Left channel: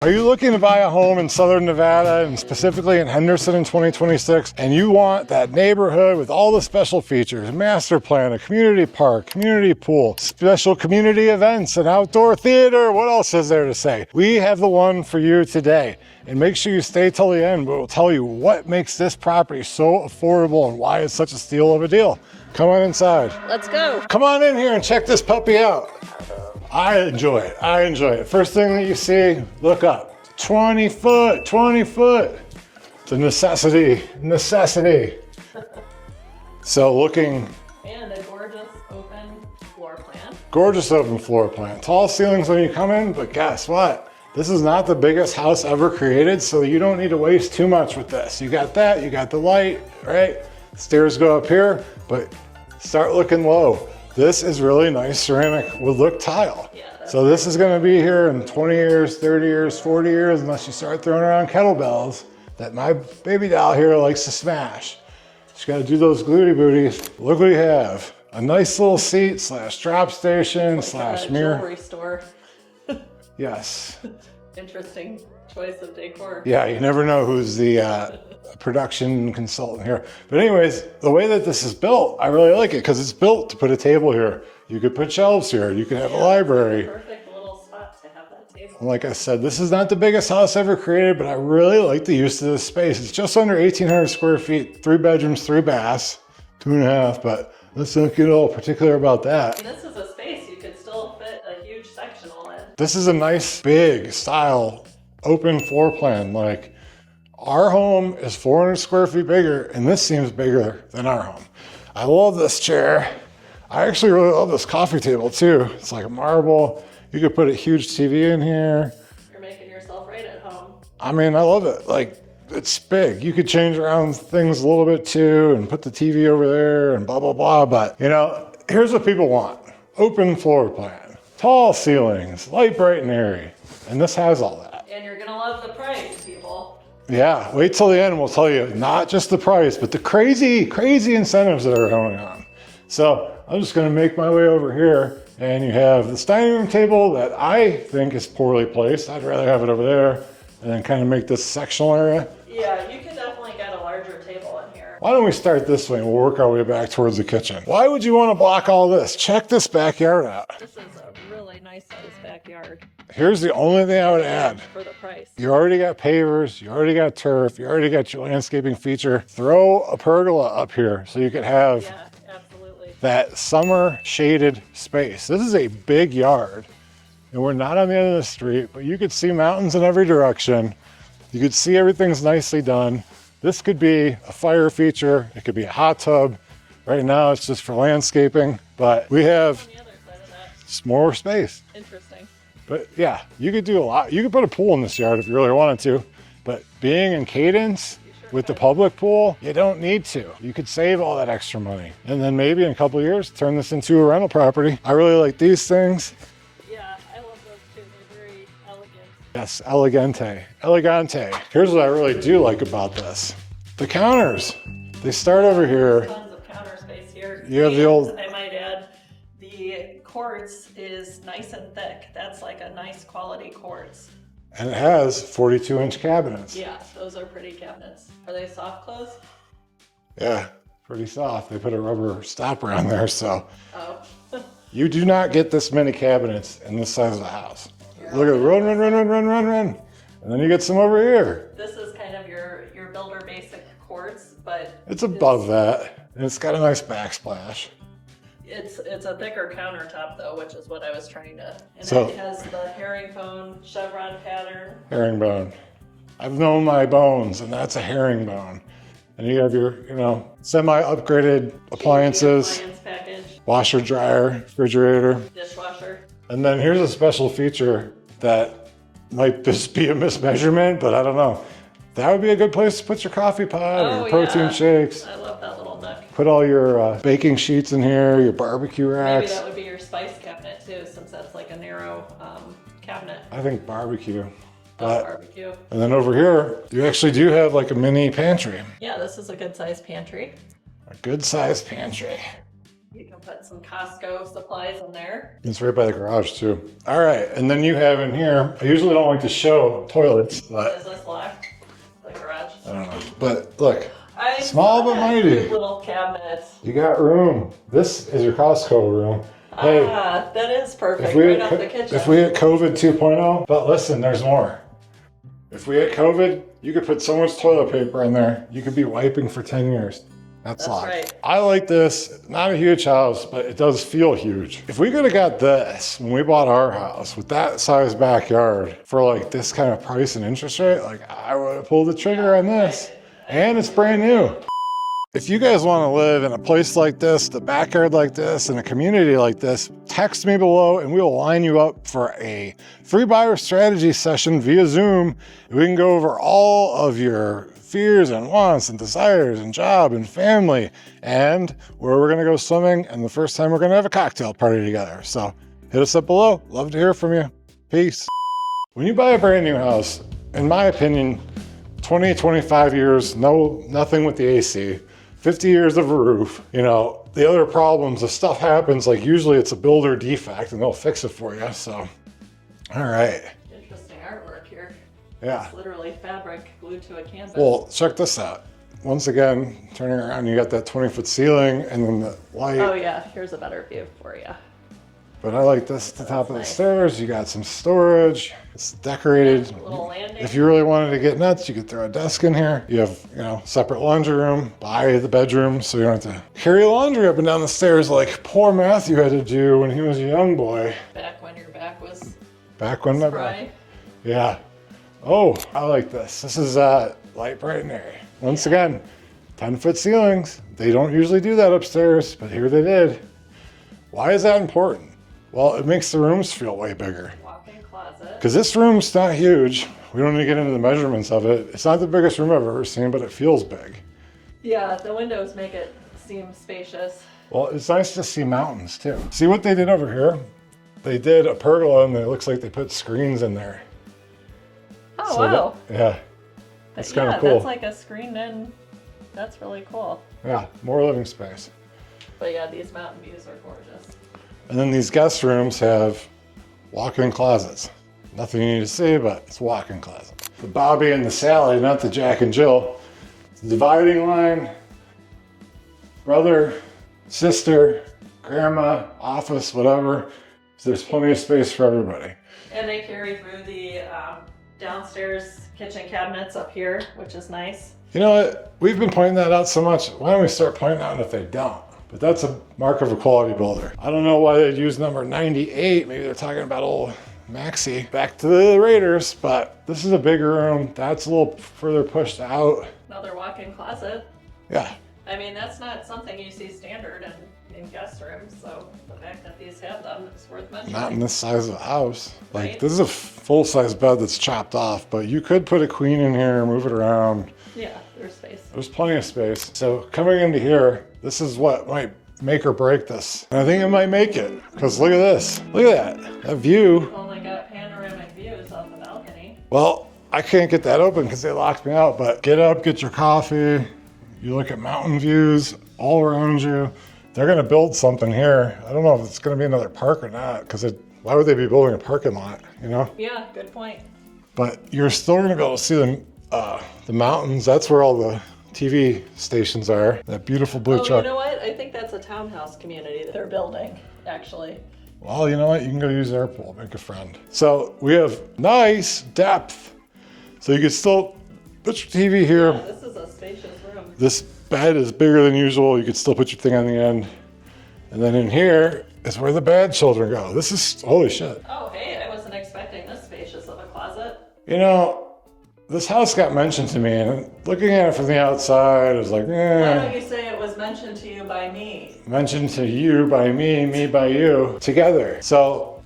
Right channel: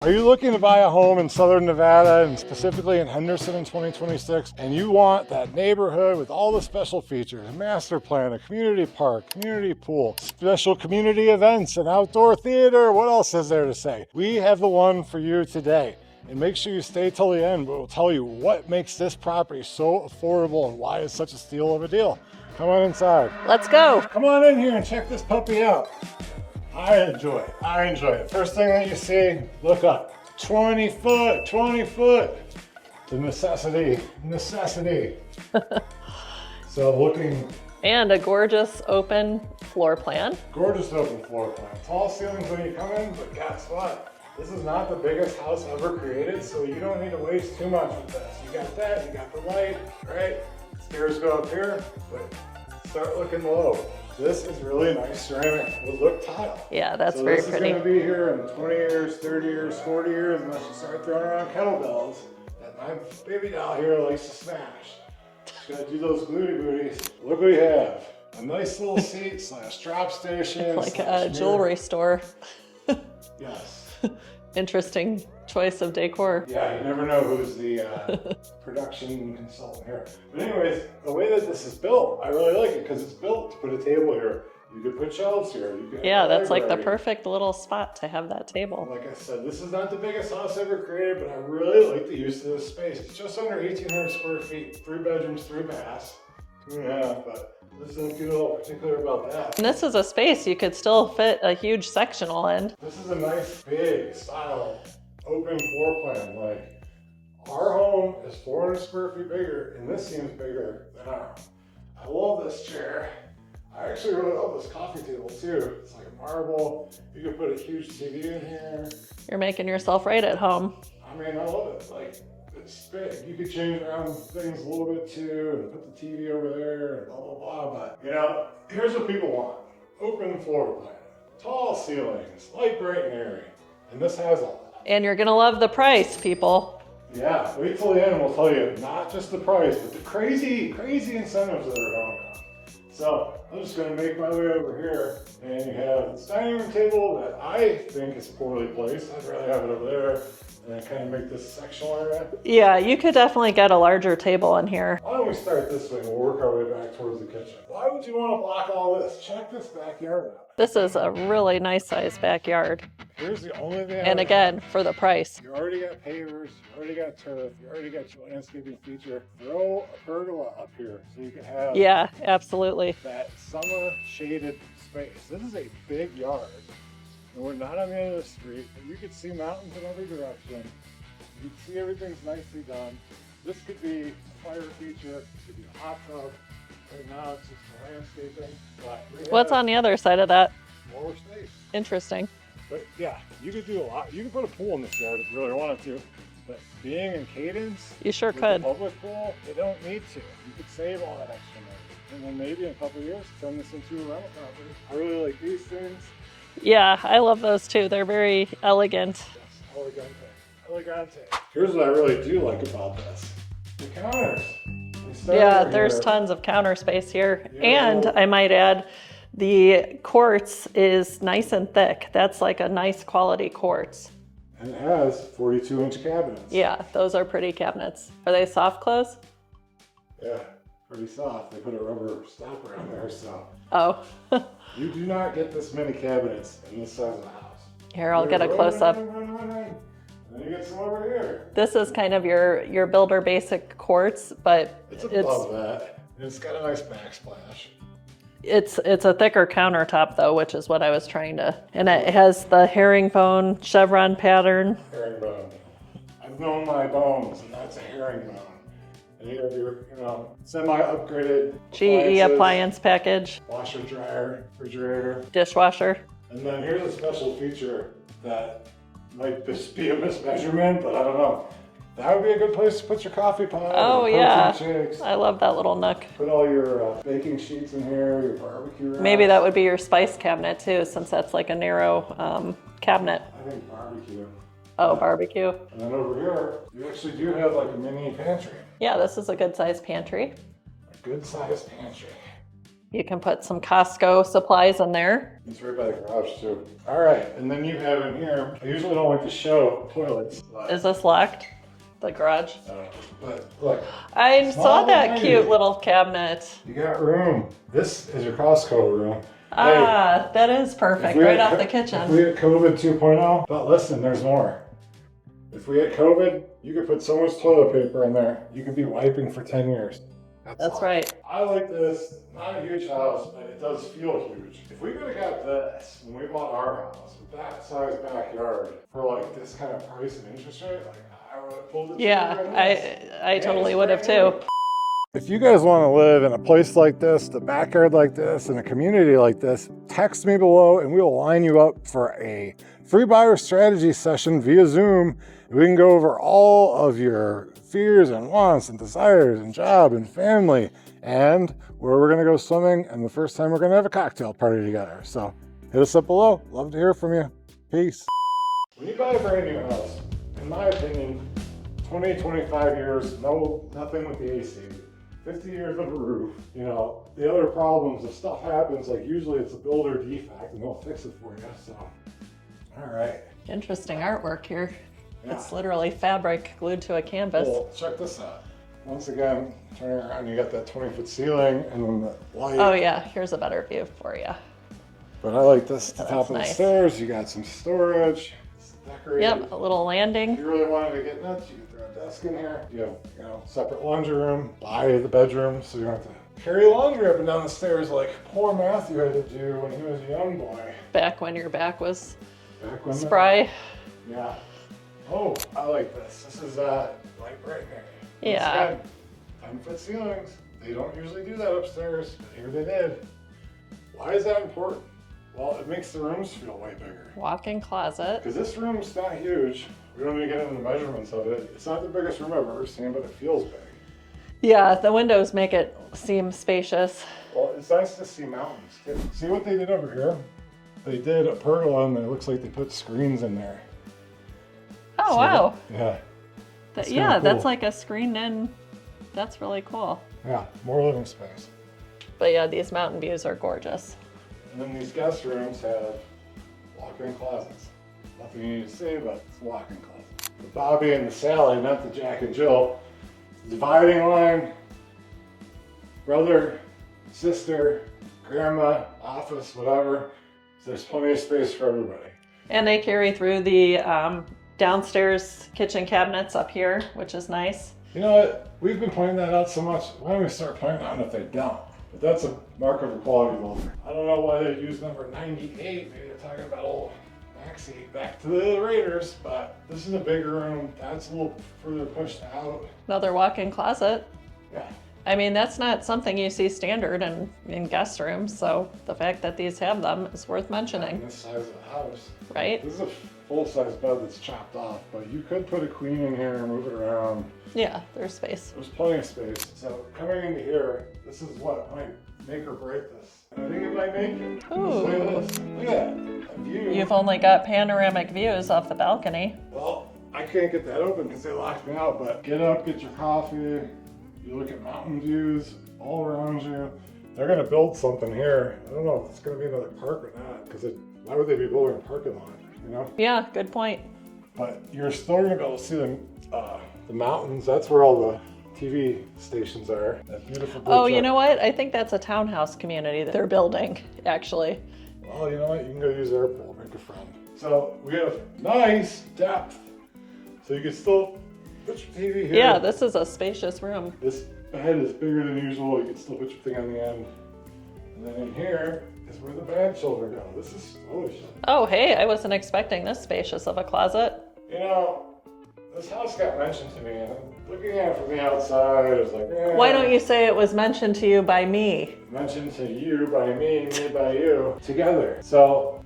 Are you looking to buy a home in Southern Nevada, and specifically in Henderson in 2026, and you want that neighborhood with all the special features, master plan, a community park, community pool, special community events, an outdoor theater, what else is there to say? We have the one for you today. And make sure you stay till the end, but we'll tell you what makes this property so affordable and why it's such a steal of a deal. Come on inside. Let's go. Come on in here and check this puppy out. I enjoy it. I enjoy it. First thing that you see, look up. 20 foot, 20 foot. It's a necessity, necessity. So looking. And a gorgeous open floor plan. Gorgeous open floor plan. Tall ceilings when you come in, but guess what? This is not the biggest house ever created, so you don't need to waste too much with this. You got that, you got the light, right? Stairs go up here, but start looking low. This is really nice ceramic wood look tile. Yeah, that's so this is going to be here in 20 years, 30 years, 40 years, unless you start throwing around kettlebells that my baby doll here likes to smash. Just got to do those glutey booties. Look what you have. A nice little seat slash drop station like slash a mirror. jewelry store. Yes. Interesting choice of decor. Yeah, you never know who's the production consultant here. But anyways, the way that this is built, I really like it because it's built to put a table here. You could put shelves here. You could have a library. That's like the perfect little spot to have that table. Like I said, this is not the biggest house ever created, but I really like the use of this space. It's just under 1,800 square feet, 3 bedrooms, 3 baths, 2.5, but let's not get all particular about that. And this is a space you could still fit a huge sectional in. This is a nice, big style, open floor plan. Like, our home is 400 square feet bigger, and this seems bigger than our home. I love this chair. I actually really love this coffee table too. It's like a marble. You could put a huge TV in here. You're making yourself right at home. I mean, I love it. Like, it's big. You could change around things a little bit too and put the TV over there and blah, blah, blah. But, you know, here's what people want. Open floor plan, tall ceilings, light, bright, and airy. And this has all that. And you're gonna love the price, people. Yeah, wait till the end and we'll tell you not just the price, but the crazy, crazy incentives that are going on. So I'm just gonna make my way over here, and you have this dining room table that I think is poorly placed. I'd rather have it over there and then kind of make this sectional area. Yeah, you could definitely get a larger table in here. Why don't we start this way and we'll work our way back towards the kitchen. Why would you want to block all this? Check this backyard out. This is a really nice sized backyard. Here's the only thing I would again, add. for the price. You already got pavers, you already got turf, you already got your landscaping feature. Throw a pergola up here so you could have Yeah, absolutely. that summer shaded space. This is a big yard. And we're not on the end of the street, but you could see mountains in every direction. You could see everything's nicely done. This could be a fire feature. It could be a hot tub. Right now it's just for landscaping, but we have What's on the other side of that? just more space. Interesting. But yeah, you could do a lot. You could put a pool in this yard if you really wanted to, but being in Cadence You sure with could. the public pool, you don't need to. You could save all that extra money. And then maybe in a couple of years, turn this into a rental property. I really like these things. Yeah, I love those too. They're very elegant. Yes, elegante, elegante. Here's what I really do like about this. The counters, they start Yeah, over here. there's tons of counter space here. You have the And old- I might add, the quartz is nice and thick. That's like a nice quality quartz. And it has 42-inch cabinets. Yeah, those are pretty cabinets. Are they soft close? Yeah, pretty soft. They put a rubber stopper on there, so. Oh. You do not get this many cabinets in this size of the house. Here, I'll Look get at a run, close run, up. run, run, run, run. And then you get some over here. This is kind of your builder basic quartz, but It's above that. And it's got a nice backsplash. It's a thicker countertop though, which is what I was trying to, and So- it has the herringbone chevron pattern. Herringbone. I've known my bones, and that's a herringbone. And you have your, you know, semi-upgraded appliances. GE appliance package, Washer, dryer, refrigerator. dishwasher. And then here's a special feature that might just be a mismeasurement, but I don't know. That would be a good place to put your coffee pot Oh, or protein yeah. shakes. I love that little nook. Put all your baking sheets in here, your barbecue racks. Maybe that would be your spice cabinet too, since that's like a narrow cabinet. I think barbecue. Oh, But- barbecue. And then over here, you actually do have like a mini pantry. Yeah, this is a good sized pantry. A good sized pantry. You can put some Costco supplies in there. It's right by the garage too. All right, and then you have in here, I usually don't like to show toilets, but Is this locked? The garage? I don't know. But look, I small saw but that mighty. cute little cabinet. You got room. This is your Costco room. Ah, that is perfect, we right had off the kitchen. If we had COVID 2.0, but listen, there's more. If we had COVID, you could put so much toilet paper in there, you could be wiping for 10 years. That's right. I like this. Not a huge house, but it does feel huge. If we could have got this when we bought our house with that size backyard for like this kind of price and interest rate, like I would have pulled the trigger on this. I and totally it's brand would new. have too. If you guys want to live in a place like this, the backyard like this, in a community like this, text me below and we will line you up for a free buyer strategy session via Zoom. We can go over all of your fears and wants and desires and job and family and where we're going to go swimming and the first time we're going to have a cocktail party together. So hit us up below. Love to hear from you. Peace. When you buy a brand new house, in my opinion, 20, 25 years, nothing with the AC. 50 years of a roof, you know, the other problems, if stuff happens, like usually it's a builder defect and they'll fix it for you, so. All right. Interesting artwork here. Yeah. It's literally fabric glued to a canvas. Well, check this out. Once again, turning around, you got that 20-foot ceiling and then the light. Oh yeah, here's a better view for you. But I like this at the top of the nice. stairs. You got some storage. It's decorated. Yep, a little landing. If you really wanted to get nuts, you could throw a desk in here. You have, you know, separate laundry room by the bedroom, so you don't have to carry laundry up and down the stairs like poor Matthew had to do when he was a young boy. Back when your back was Back when spry. Yeah. Oh, I like this. This is light, bright, and airy. Once Yeah. again, 10-foot ceilings. They don't usually do that upstairs, but here they did. Why is that important? Well, it makes the rooms feel way bigger. Walk-in closet. Because this room's not huge. We don't need to get into the measurements of it. It's not the biggest room I've ever seen, but it feels big. Yeah, the windows make it seem spacious. Well, it's nice to see mountains too. See what they did over here? They did a pergola and it looks like they put screens in there. Oh, So wow. Yeah. It's kinda Yeah, cool. that's like a screened in. That's really cool. Yeah, more living space. But yeah, these mountain views are gorgeous. And then these guest rooms have walk-in closets. Nothing you need to see, but it's walk-in closet. The Bobby and the Sally, not the Jack and Jill. The dividing line, brother, sister, grandma, office, whatever. So there's plenty of space for everybody. And they carry through the downstairs kitchen cabinets up here, which is nice. You know what? We've been pointing that out so much. Why don't we start pointing out if they don't? But that's a mark of a quality builder. I don't know why they'd use number 98. Maybe they're talking about old Maxi. Back to the Raiders, but this is a bigger room. That's a little further pushed out. Another walk-in closet. Yeah. I mean, that's not something you see standard in guest rooms, so the fact that these have them is worth Not in mentioning. this size of a house. Like, Right. this is a full-size bed that's chopped off, but you could put a queen in here, move it around. Yeah, there's space. There's plenty of space. So coming into here, this is what might make or break this. And I think it might make it, because look at this. Look at that. That view. You've only got panoramic views off the balcony. Well, I can't get that open because they locked me out, but get up, get your coffee. You look at mountain views all around you. They're gonna build something here. I don't know if it's gonna be another park or not, because why would they be building a parking lot, you know? Yeah, good point. But you're still gonna be able to see the mountains. That's where all the TV stations are. That beautiful blue Oh, truck. you know what? I think that's a townhouse community that they're building, actually. Well, you know what? You can go use their pool, make a friend. So we have nice depth. So you can still put your TV here. Yeah, this is a spacious room. This bed is bigger than usual. You could still put your thing on the end. And then in here is where the bad children go. This is, holy shit. Oh, hey, I wasn't expecting this spacious of a closet. You know, this house got mentioned to me, and looking at it from the outside, I was like, Why don't you say it was mentioned to you by me? Mentioned to you by me by you, together. So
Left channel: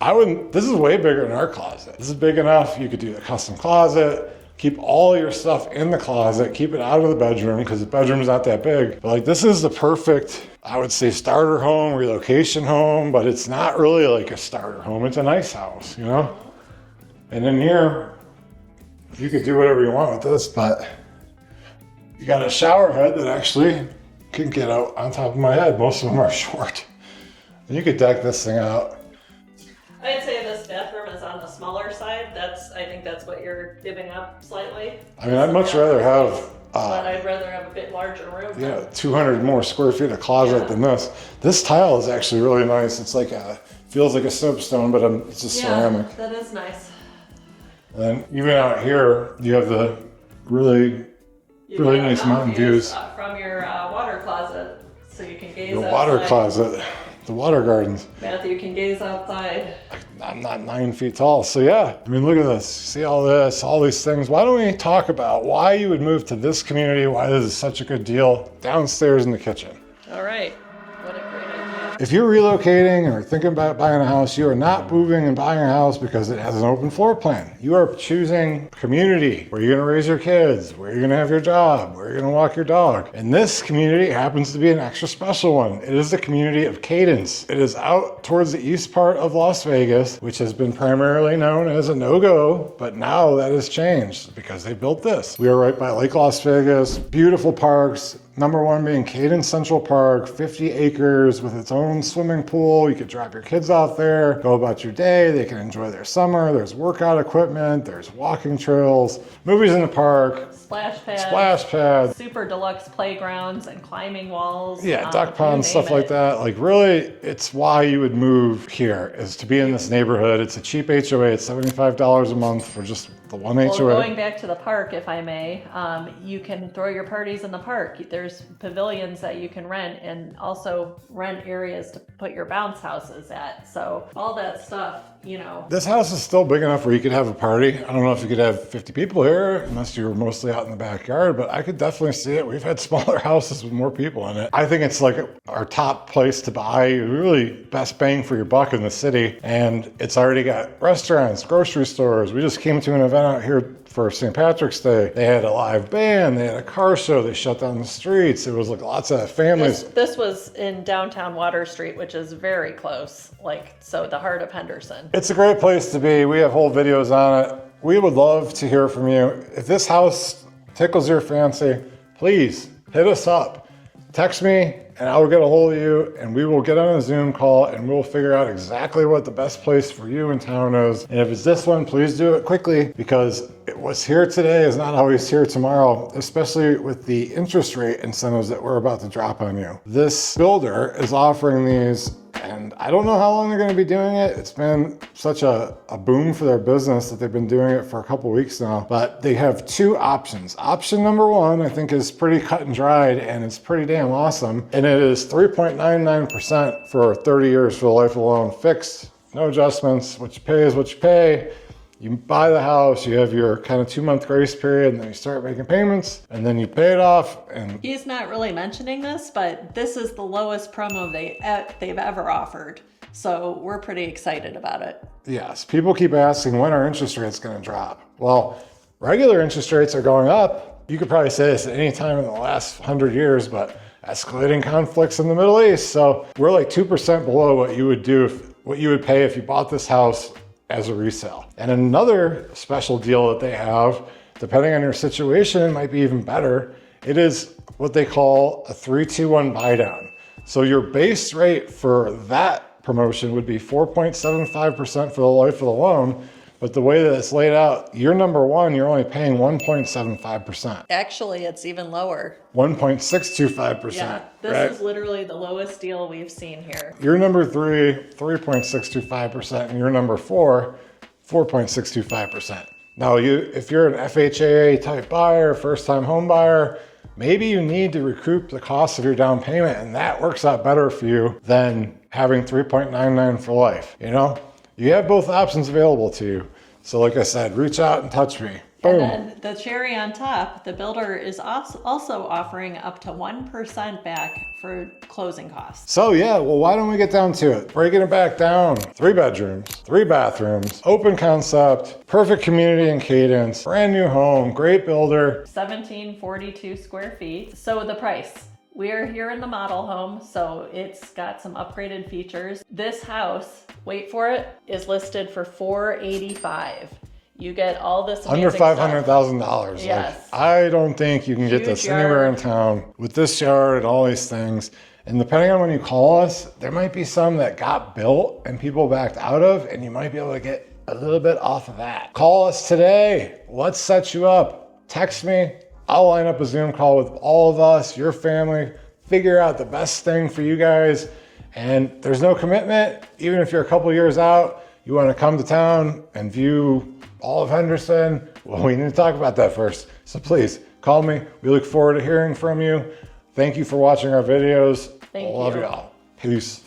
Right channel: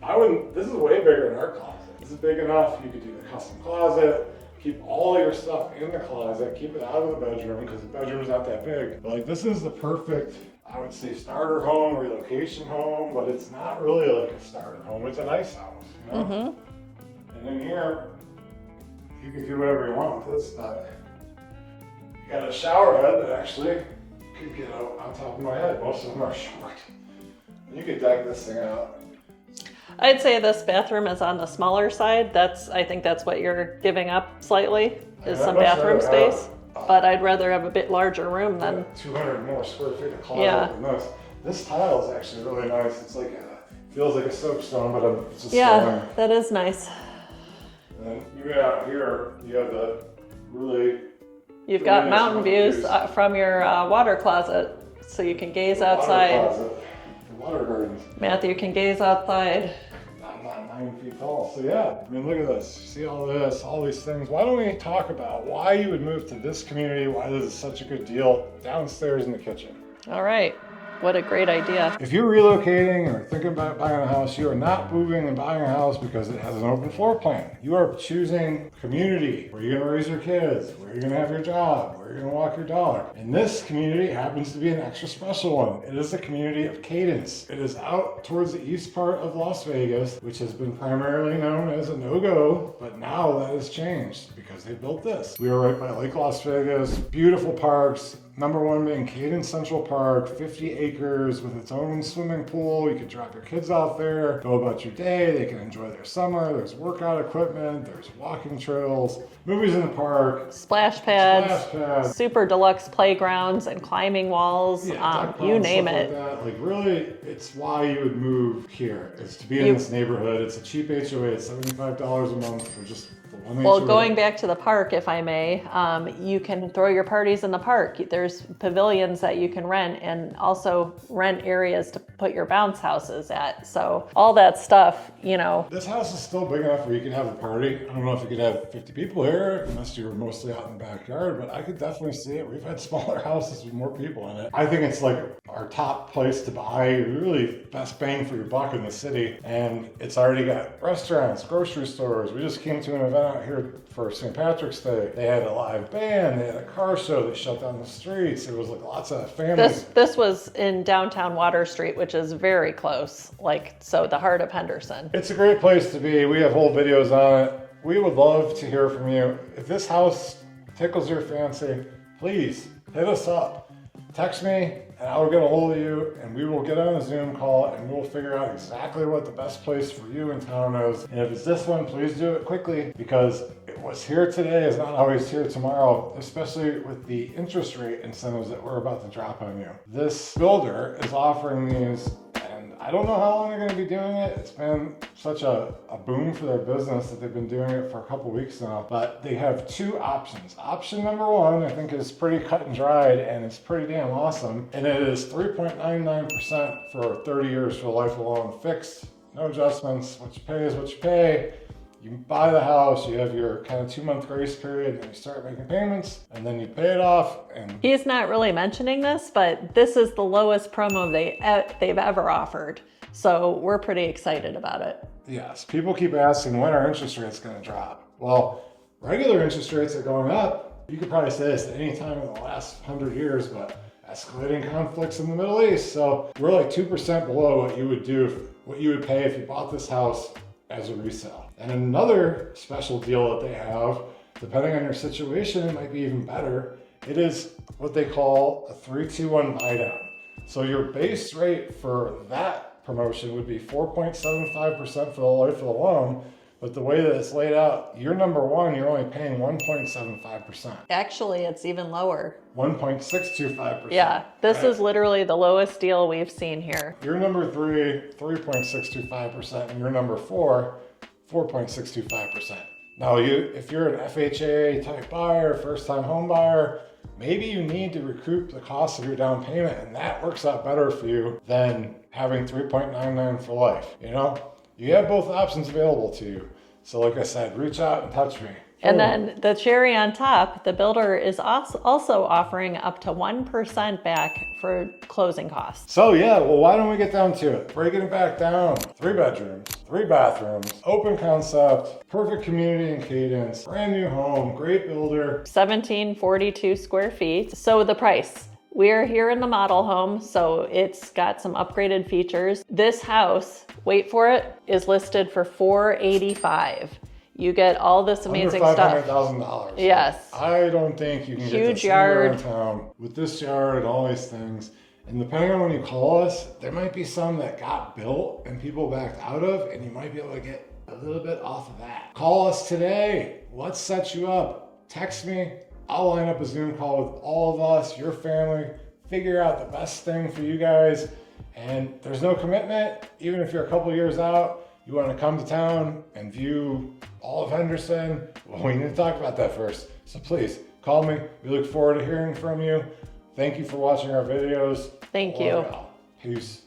this is way bigger than our closet. This is big enough, you could do a custom closet, keep all your stuff in the closet, keep it out of the bedroom, because the bedroom's not that big. But like, this is the perfect, I would say, starter home, relocation home, but it's not really like a starter home. It's a nice house, you know? Mm-hmm. And in here, you could do whatever you want with this, but you got a shower head that actually can get out on top of my head. Most of them are short. And you could deck this thing out. I'd say this bathroom is on the smaller side. I think that's what you're giving up slightly. I mean, is I'd some much bathroom rather space, have, but I'd rather have a bit larger room than. 200 more square feet of closet Yeah. than this. This tile is actually really nice. It's like feels like a soapstone, but it's a ceramic. Yeah, that is nice. And even out here, you have the really You've really got nice mountain views from your water closet, so you can gaze the outside. water closet, the water gardens. Matthew can gaze outside. I'm not 9 feet tall, so yeah. I mean, look at this. See all this, all these things. Why don't we talk about why you would move to this community, why this is such a good deal downstairs in the kitchen. All right. What a great idea. If you're relocating or thinking about buying a house, you are not moving and buying a house because it has an open floor plan. You are choosing community, where you're gonna raise your kids, where you're gonna have your job, where you're gonna walk your dog. And this community happens to be an extra special one. It is the community of Cadence. It is out towards the east part of Las Vegas, which has been primarily known as a no-go, but now that has changed because they built this. We are right by Lake Las Vegas, beautiful parks. Number one being Cadence Central Park, 50 acres with its own swimming pool. You could drop your kids out there, go about your day. They can enjoy their summer. There's workout equipment. There's walking trails, movies in the park, Splash pads. splash pads. Super deluxe playgrounds and climbing walls. Yeah, duck ponds, stuff like that. Like really, it's why you would move here, is to be in this neighborhood. It's a cheap HOA. It's $75 a month for just the one HOA. Well, going back to the park, if I may, you can throw your parties in the park. There's pavilions that you can rent and also rent areas to put your bounce houses at. So all that stuff, you know. This house is still big enough where you could have a party. I don't know if you could have 50 people here, unless you were mostly out in the backyard, but I could definitely see it. We've had smaller houses with more people in it. I think it's like our top place to buy, really best bang for your buck in the city. And it's already got restaurants, grocery stores. We just came to an event out here for St. Patrick's Day. They had a live band, they had a car show, they shut down the streets. It was like lots of families. This was in downtown Water Street, which is very close, so the heart of Henderson. It's a great place to be. We have whole videos on it. We would love to hear from you. If this house tickles your fancy, please hit us up. Text me and I will get a hold of you and we will get on a Zoom call and we'll figure out exactly what the best place for you in town is. And if it's this one, please do it quickly because what's here today is not always here tomorrow, especially with the interest rate incentives that we're about to drop on you. This builder is offering these and I don't know how long they're going to be doing it. It's been such a boom for their business that they've been doing it for a couple weeks now. But they have two options. Option number one, I think, is pretty cut and dried and it's pretty damn awesome. And it is 3.99% for 30 years for the life of the loan, fixed, no adjustments. What you pay is what you pay. You buy the house, you have your kind of 2-month grace period, and then you start making payments, and then you pay it off. And he's not really mentioning this, but this is the lowest promo they've ever offered. So we're pretty excited about it. yes, people keep asking when are interest rates going to drop? Well, regular interest rates are going up. You could probably say this at any time in the last 100 years, but escalating conflicts in the Middle East. So we're like 2% below what you would pay if you bought this house as a resale. And another special deal that they have, depending on your situation, it might be even better. It is what they call a 3-2-1 buy down. So your base rate for that promotion would be 4.75% for the life of the loan. But the way that it's laid out, year number one, you're only paying 1.75%. Actually, it's even lower. 1.625%. Yeah, this right? is literally the lowest deal we've seen here. Year number three, 3.625%, and year number four, 4.625%. Now, if you're an FHA type buyer, first time home buyer, maybe you need to recoup the cost of your down payment, and that works out better for you than having 3.99 for life, you know? You have both options available to you. So like I said, reach out and touch me. And then the cherry on top, the builder is also offering up to 1% back for closing costs. So yeah, well, why don't we get down to it? Breaking it back down. 3 bedrooms, 3 bathrooms, open concept, perfect community in Cadence, brand new home, great builder. 1742 square feet. So the price. We're here in the model home, so it's got some upgraded features. This house, wait for it, is listed for $485. You get all this amazing Under stuff. $500,000. Yes. Like, I don't think you can get Huge this anywhere in yard. town with this yard and all these things. And depending on when you call us, there might be some that got built and people backed out of, and you might be able to get a little bit off of that. Call us today. Let's set you up. Text me. I'll line up a Zoom call with all of us, your family, figure out the best thing for you guys. And there's no commitment. Even if you're a couple years out, you want to come to town and view all of Henderson, well, we need to talk about that first. So please call me. We look forward to hearing from you. Thank you for watching our videos. Thank Love you. y'all. Peace.